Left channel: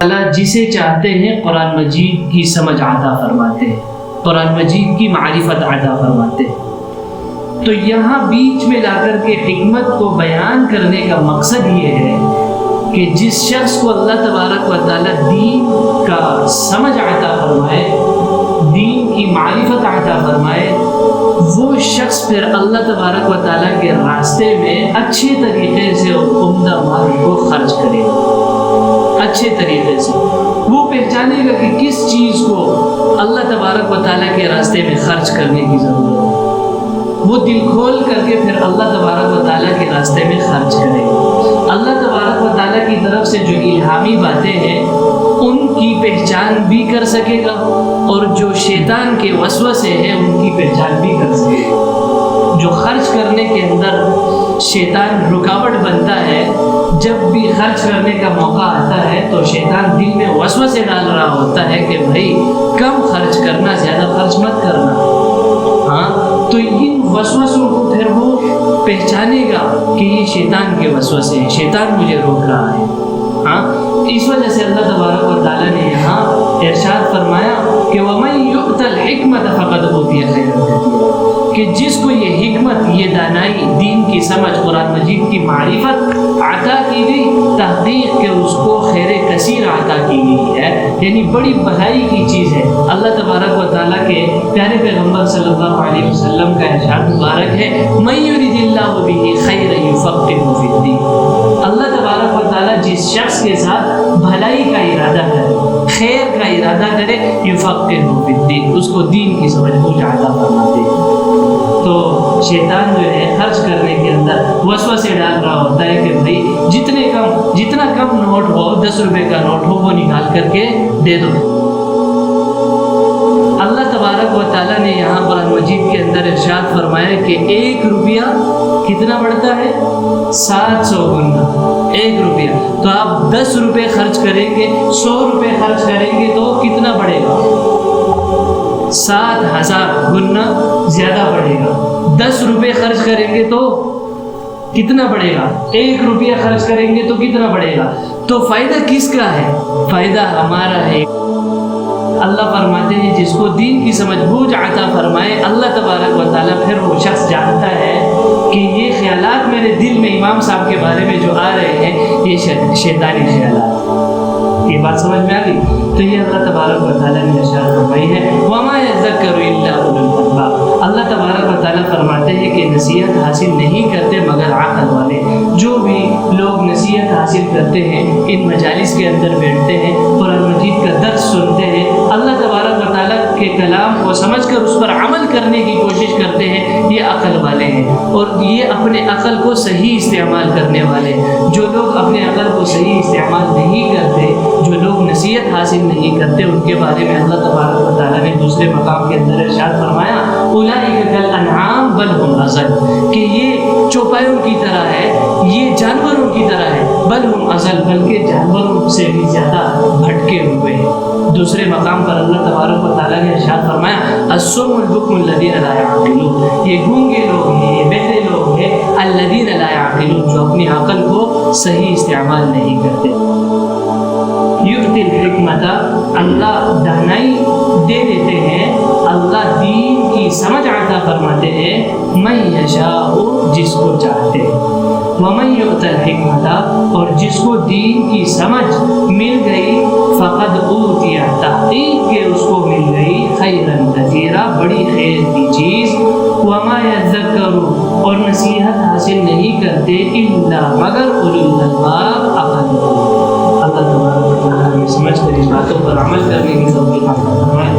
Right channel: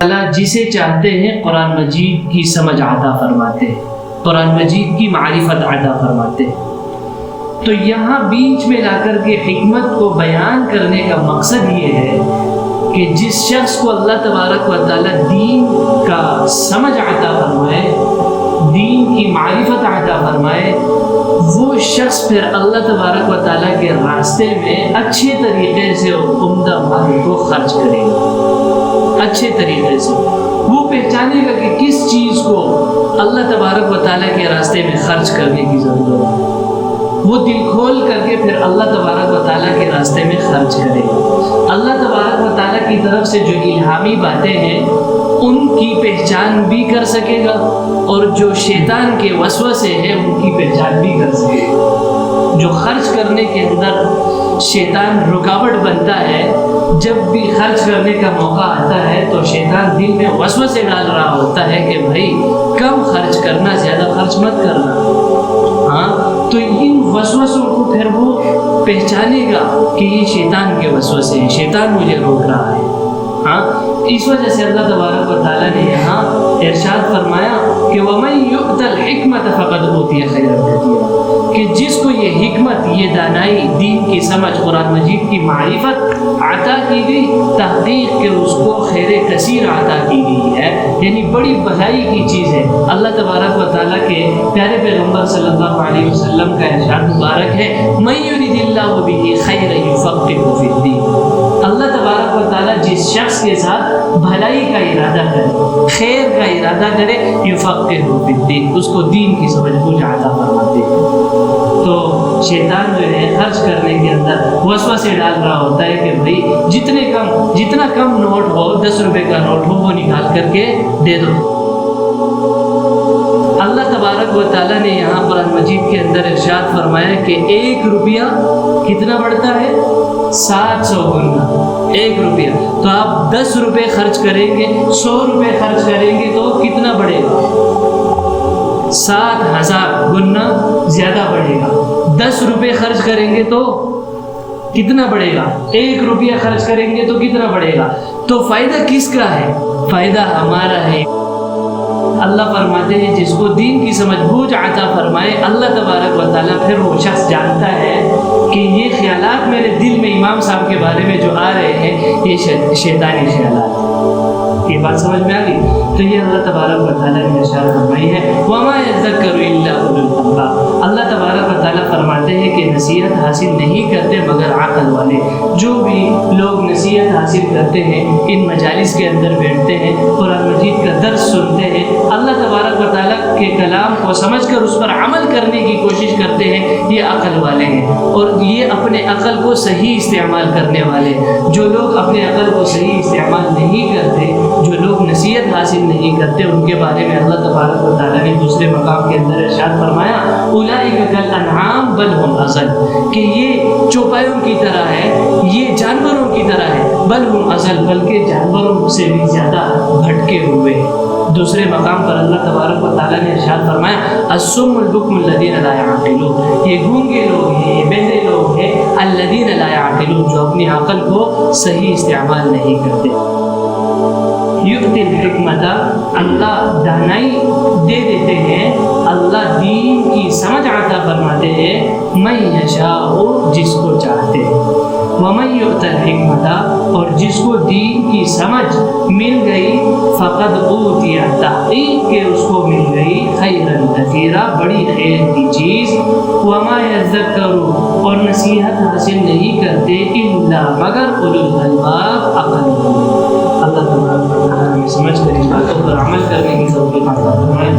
اللہ جسے چاہتے ہیں قرآن مجید کی سمجھ عطا فرماتے ہیں، قرآن مجید کی معرفت عطا فرماتے ہیں۔ تو یہاں بیچ میں لا کر کے حکمت کو بیان کرنے کا مقصد یہ ہے کہ جس شخص کو اللہ تبارک و تعالی دین کا سمجھ عطا فرمائے، دین کی معرفت عطا فرمائے، وہ شخص پھر اللہ تبارک و تعالیٰ کے راستے میں اچھے طریقے سے عمدہ مال کو خرچ کرے گا، اچھے طریقے سے وہ پہچانے گا کہ کس چیز کو اللہ تبارک و تعالیٰ کے راستے میں خرچ کرنے کی ضرورت ہے، وہ دل کھول کر کے پھر اللہ تبارک و تعالیٰ کے راستے میں خرچ کرے گا۔ اللہ تبارک و تعالیٰ کی طرف سے جو الہامی باتیں ہیں ان کی پہچان بھی کر سکے گا، اور جو شیطان کے وسوسے ہیں ان کی پہچان بھی کر سکے گا۔ جو خرچ کرنے کے اندر شیطان رکاوٹ بنتا ہے، جب بھی خرچ کرنے کا موقع آتا ہے تو شیطان دل میں وسوسے ڈال رہا ہوتا ہے کہ بھائی کم خرچ کرنا، زیادہ خرچ مت کرنا۔ تو ان وسوسوں کو پھر وہ پہچانے گا کہ یہ شیطان کے وسوسے ہیں، شیطان مجھے روک رہا ہے۔ اس وجہ سے اللہ تبارک و تعالیٰ نے یہاں ارشاد فرمایا کہ وَمَن يُؤْتَ الْحِكْمَةَ فَقَدْ أُوتِيَ خَيْرًا كَثِيرًا، کہ جس کو یہ حکمت، یہ دانائی، دین کی سمجھ، قرآن مجید کی معرفت عطا کی گئی، تحقیق کہ اس کو خیر کثیر عطا کی گئی ہے، یعنی بڑی بھلائی کی چیز ہے۔ اللہ تبارک و تعالیٰ کے پیارے پیغمبر صلی اللہ علیہ وسلم کا ارشاد مبارک ہے مَن يُرِدِ اللَّهُ بِهِ خَيْرًا يُفَقِّهْهُ فِي الدِّينِ، اللہ تبارک و تعالیٰ جس شخص کے ساتھ بھلائی کا ارادہ کرے، خیر کا ارادہ کرے، یفقہہ فی الدین، اس کو دین کی سمجھ بوجھ عطا فرماتے ہیں۔ تو شیطان جو ہے خرچ کرنے کے اندر وسوسے ڈال رہا ہوتا ہے کہ بھائی جتنا کم نوٹ ہو، 10 روپے کا نوٹ ہو، وہ نکال کر کے دے دو۔ اللہ تبارک و تعالیٰ نے یہاں قرآن مجید کے اندر ارشاد فرمایا کہ 1 روپیہ کتنا بڑھتا ہے؟ 700 گنا 1 روپیہ۔ تو آپ 10 روپے خرچ کریں گے، 100 روپے خرچ کریں گے تو کتنا بڑھے گا؟ 7000 گنا زیادہ بڑھے گا۔ 10 روپے خرچ کریں گے تو کتنا بڑھے گا؟ 1 روپیہ خرچ کریں گے تو کتنا بڑھے گا؟ تو فائدہ کس کا ہے؟ فائدہ ہمارا ہے۔ اللہ فرماتے ہیں جس کو دین کی سمجھ بوجھ عطا فرمائے اللہ تبارک و تعالیٰ، پھر وہ شخص جانتا ہے کہ یہ خیالات میرے دل میں امام صاحب کے بارے میں جو آ رہے ہیں یہ شیطانی خیالات ہیں۔ یہ بات سمجھ میں آ گئی؟ تو یہ اللہ تبارک و تعالیٰ نے ارشاد فرمائی ہے وَمَا يَذَّكَّرُ إِلَّا أُولُو الْأَلْبَابِ، اللہ تبارک و تعالیٰ فرماتے ہیں کہ نصیحت حاصل نہیں کرتے مگر عقل والے۔ جو بھی لوگ نصیحت حاصل کرتے ہیں، ان مجالس کے اندر بیٹھتے ہیں، قرآن مجید کا درس سنتے ہیں، اللہ تبارک و تعالیٰ کے کلام کو سمجھ کر اس پر عمل کرنے کی کوشش کرتے ہیں، یہ عقل والے ہیں، اور یہ اپنے عقل کو صحیح استعمال کرنے والے۔ جو لوگ اپنے عقل کو صحیح استعمال نہیں کرتے، جو لوگ نصیحت حاصل نہیں کرتے، ان کے بارے میں اللہ تبارک و تعالیٰ نے دوسرے مقام کے اندر ارشاد فرمایا اولئک کالانعام بل هم اضل، کہ یہ چوپایوں کی طرح ہے، یہ جانوروں کی طرح ہے، بل هم اضل، بلکہ جانوروں سے بھی زیادہ بھٹکے ہوئے ہیں۔ دوسرے مقام پر اللہ تبارک و تعالیٰ نے ارشاد فرمایا الصم البکم الذین لا یعقلون، یہ گونگے لوگ ہیں، یہ بہرے لوگ ہیں، الذین لا یعقلون، جو اپنی عقل کو صحیح استعمال نہیں کرتے۔ یؤتی الحکمت، اللہ دانائی دے دیتے ہیں، اللہ دین کی سمجھ عطا فرماتے ہیں، من یشاء، جس کو چاہتے ہیں، ومن یؤت الحکمت، اور جس کو دین کی سمجھ مل گئی، فقد اوتی، تحقیق کہ اس کو مل گئی، خیرا کثیرا، بڑی خیر کی چیز، وما یذکر، اور نصیحت حاصل نہیں کرتے، الا مگر اولو الالباب، عقل والے۔ اللہ تبارک و تعالیٰ ہمیں سمجھ کر ان باتوں پر عمل کرنے کی توفیق عطا فرمائے۔